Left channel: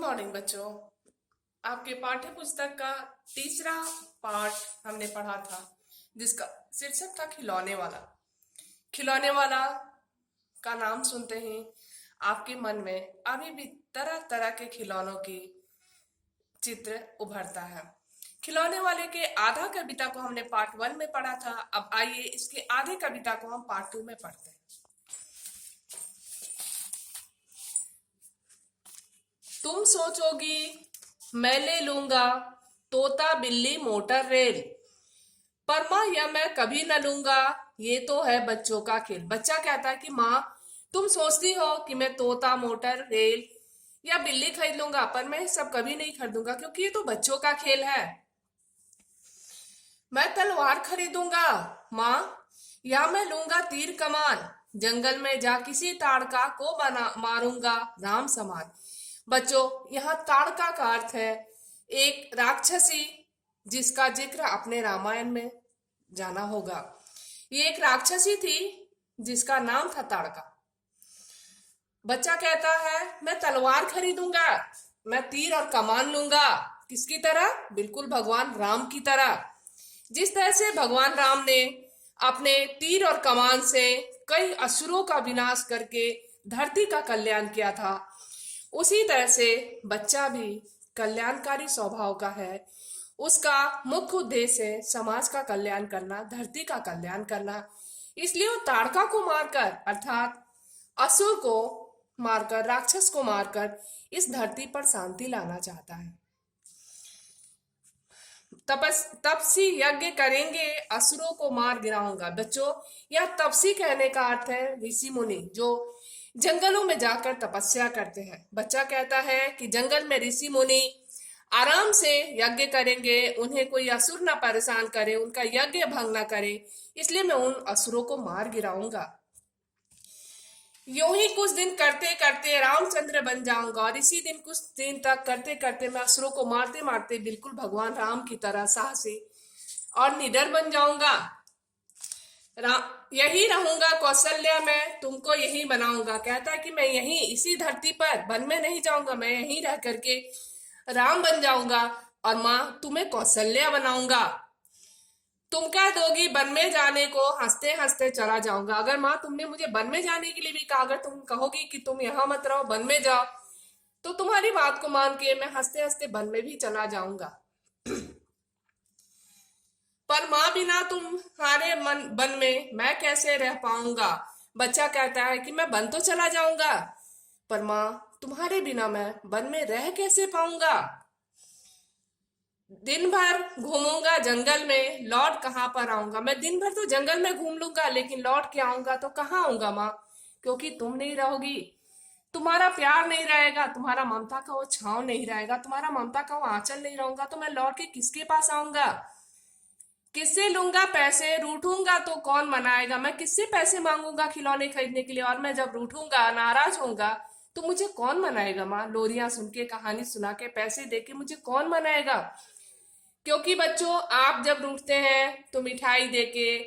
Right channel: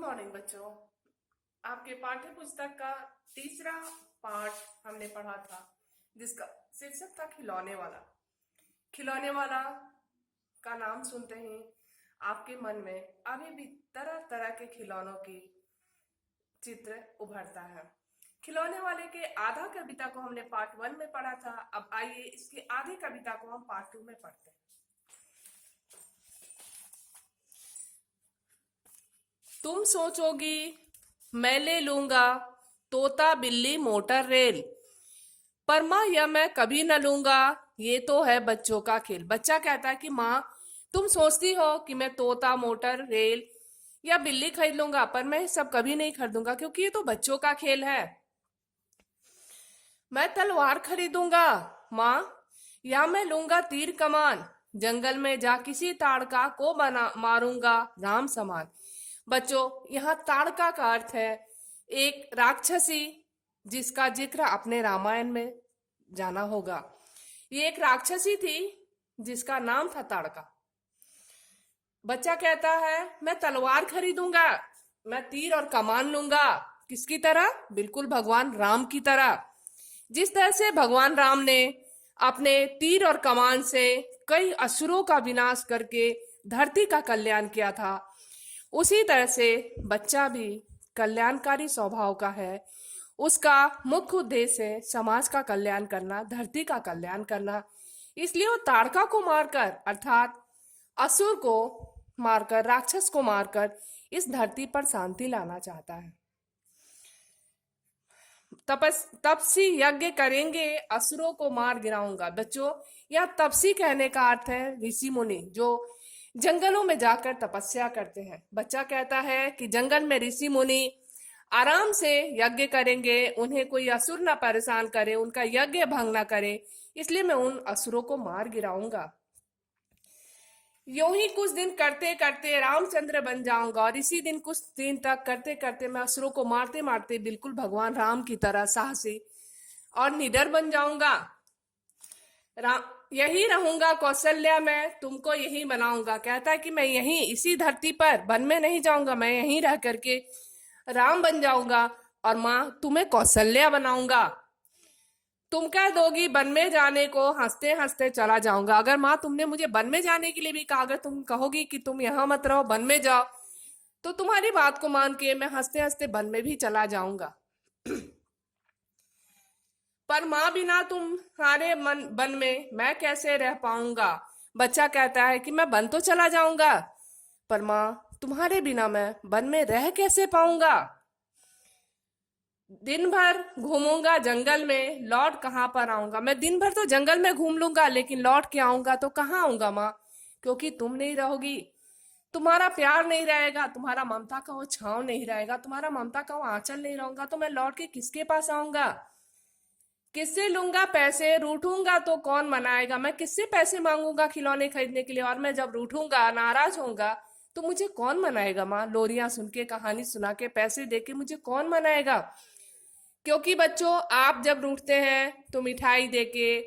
Morning बच्चों। आपके पाठ्य पुस्तक का तीसरा पाठ हमने पढ़ा था, जिसका शीर्षक था खिलौने वाला। खिलौने वाला का नाम सुनते ही आपके मन में अभी भी तरह तरह के खिलौनों की चित्र उभरता है। खिलौने वाले के आधा कविता को हमने पार्ट 1 में पढ़ा था। अब आइए इसके आधे कविता को हम पार्ट 2 में पढ़ते हैं। तुम सोचोगी मैं ले लूंगा तोता बिल्ली मोटर रेल, पर माँ यह मैं कभी न लूंगा, ये तो है बच्चों का खेल। बच्चा कहता है कि माँ, तुम सोचती हो कि मैं तोता मोटर रेल या बिल्ली खरीद लूंगा, पर मैं सब कभी नहीं खरीदूंगा क्योंकि ये तो बच्चों का खेल है। मैं तलवार खरीदूंगा माँ, या मैं लूंगा तीर कमान, जंगल में जा किसी ताड़का को बना मारूंगा राम समान। बच्चों, यहाँ ताड़का का अर्थ है एक राक्षसी, जिसका जिक्र आपने रामायण में जाना होगा। ये एक राक्षसी थी जिसका नाम था ताड़का। बच्चा कहता है मैं तलवार खरीदूंगा, मैं तीर और कमान लूंगा। किसकी तरह? बिल्कुल भगवान राम की तरह। जिस तरह से भगवान राम ने अपने तीर और कमान से कई असुरों का विनाश करके धरती का कल्याण किया था, उसी तरह से बच्चा भी कल्याणकारी स्वभाव का है। उसका मुख्य उद्देश्य है समाज का कल्याण करना, धरती का कल्याण करना। इसलिए वो ताड़का को मारकर, अर्थात असुर को मारकर, राक्षस को मारकर इस धरती पर शांति लाना चाहता है। तपसी यज्ञ करेंगे, असुरों को मार गिराऊंगा। बच्चों, यह तपसी कहने का अर्थ है ऋषि मुनि, जो जंगलों में जाकर तपस्या करते हैं। बच्चा कहता है कि जंगल में ऋषि मुनि आराम से यज्ञ करेंगे, उन्हें कोई असुर ना परेशान करे, उनका यज्ञ भंग ना करे, इसलिए मैं उन असुरों को मार गिराऊंगा। यूं ही कुछ दिन करते करते रामचंद्र बन जाऊंगा, और इसी दिन कुछ दिन तक करते करते मैं असुरों को मारते मारते बिल्कुल भगवान राम की तरह साहसी और निडर बन जाऊंगा। यही रहूंगा कौशल्या में, तुमको यही बनाऊंगा। कहता है कि मैं यहीं इसी धरती पर वन में नहीं जाऊंगा, मैं यहीं रह करके राम बन जाऊंगा, और माँ तुम्हें कौशल्या बनाऊंगा। तुम कह दोगी वन में जाने को, हंसते हंसते चला जाऊंगा। अगर माँ तुमने मुझे वन में जाने के लिए भी कहा, अगर तुम कहोगी कि तुम यहाँ मत रहो, वन में जाओ, तो तुम्हारी बात को मान के मैं हंसते हंसते वन में भी चला जाऊंगा। पर माँ बिना तुम्हारे वन में मैं कैसे रह पाऊंगा। बच्चा कहता है कि मैं वन तो चला जाऊंगा, पर माँ तुम्हारे बिना मैं वन में रह कैसे पाऊंगा। दिन भर घूमूंगा जंगल में, लौट कहाँ पर आऊंगा। मैं दिन भर तो जंगल में घूम लूंगा, लेकिन लौट के आऊंगा तो कहाँ आऊंगा माँ, क्योंकि तुम नहीं रहोगी, तुम्हारा प्यार नहीं रहेगा, तुम्हारा ममता का वो छांव नहीं रहेगा, तुम्हारा ममता का वो आंचल नहीं रहूंगा, तो मैं लौट के किसके पास आऊंगा। किससे लूंगा पैसे, रूठूंगा तो कौन मनाएगा। मैं किससे पैसे मांगूंगा खिलौने खरीदने के लिए, और मैं जब रूठूंगा, नाराज होऊंगा, तो मुझे कौन मनाएगा माँ। लोरियां सुन के, कहानी सुना के, पैसे दे के मुझे कौन मनाएगा। क्योंकि बच्चों, आप जब रूठते हैं तो मिठाई देके,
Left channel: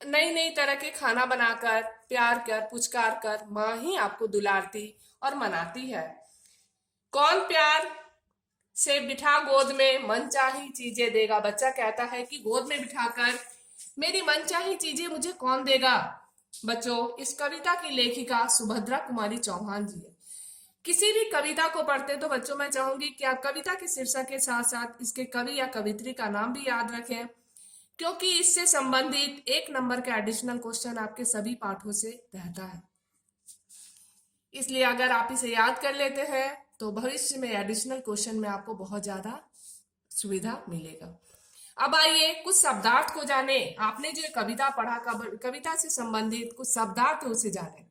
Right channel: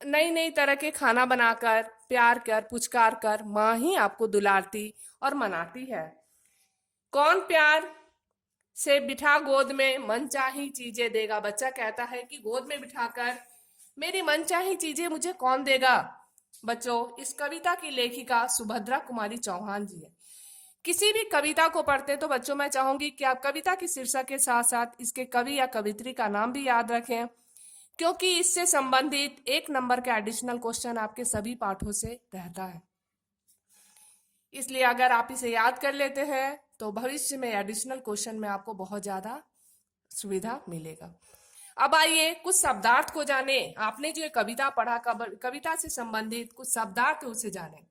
नई नई तरह के खाना बनाकर, प्यार कर, पुचकार कर माँ ही आपको दुलारती और मनाती है। कौन प्यार से बिठा गोद में मनचाही चीजें देगा। बच्चा कहता है कि गोद में बिठाकर मेरी मनचाही चीजें मुझे कौन देगा। बच्चों, इस कविता की लेखिका सुभद्रा कुमारी चौहान जी है। किसी भी कविता को पढ़ते तो बच्चों मैं चाहूंगी कि आप कविता के शीर्षक के साथ साथ इसके कवि या कवित्री का नाम भी याद रखें, क्योंकि इससे संबंधित 1 नंबर का एडिशनल क्वेश्चन आपके सभी पाठों से रहता है। इसलिए अगर आप इसे याद कर लेते हैं तो भविष्य में एडिशनल क्वेश्चन में आपको बहुत ज्यादा सुविधा मिलेगा। अब आइए कुछ शब्दार्थ को जाने। आपने जो कविता पढ़ा, कविता से संबंधित कुछ शब्दार्थ उसे जाने।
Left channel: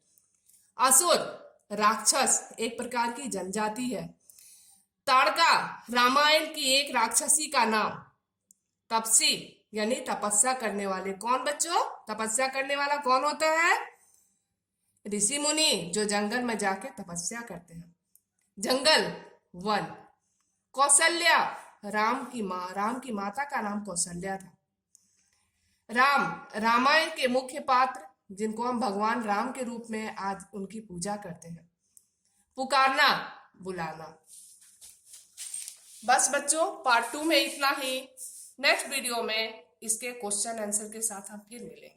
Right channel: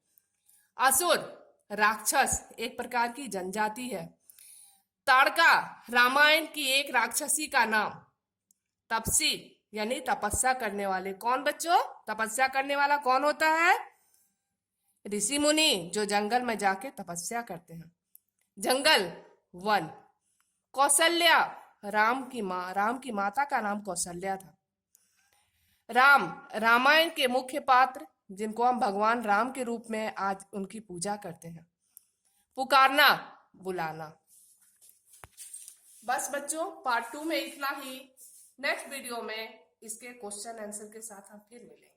असुर राक्षस, एक प्रकार की जनजाति है। ताड़का रामायण की एक राक्षसी का नाम। तपसी यानी तपस्या करने वाले। कौन बच्चों? तपस्या करने वाला कौन होता है? ऋषि मुनि, जो जंगल में जाके तपस्या करते हैं। जंगल, वन। कौशल्या राम की माँ, राम की माता का नाम कौशल्या था। राम रामायण के मुख्य पात्र, जिनको हम भगवान राम के रूप में आज उनकी पूजा करते हैं। पुकारना, बुलाना। बस बच्चों, पार्ट 2 में इतना ही। नेक्स्ट वीडियो में इसके क्वेश्चन आंसर के साथ हम फिर मिलेंगे।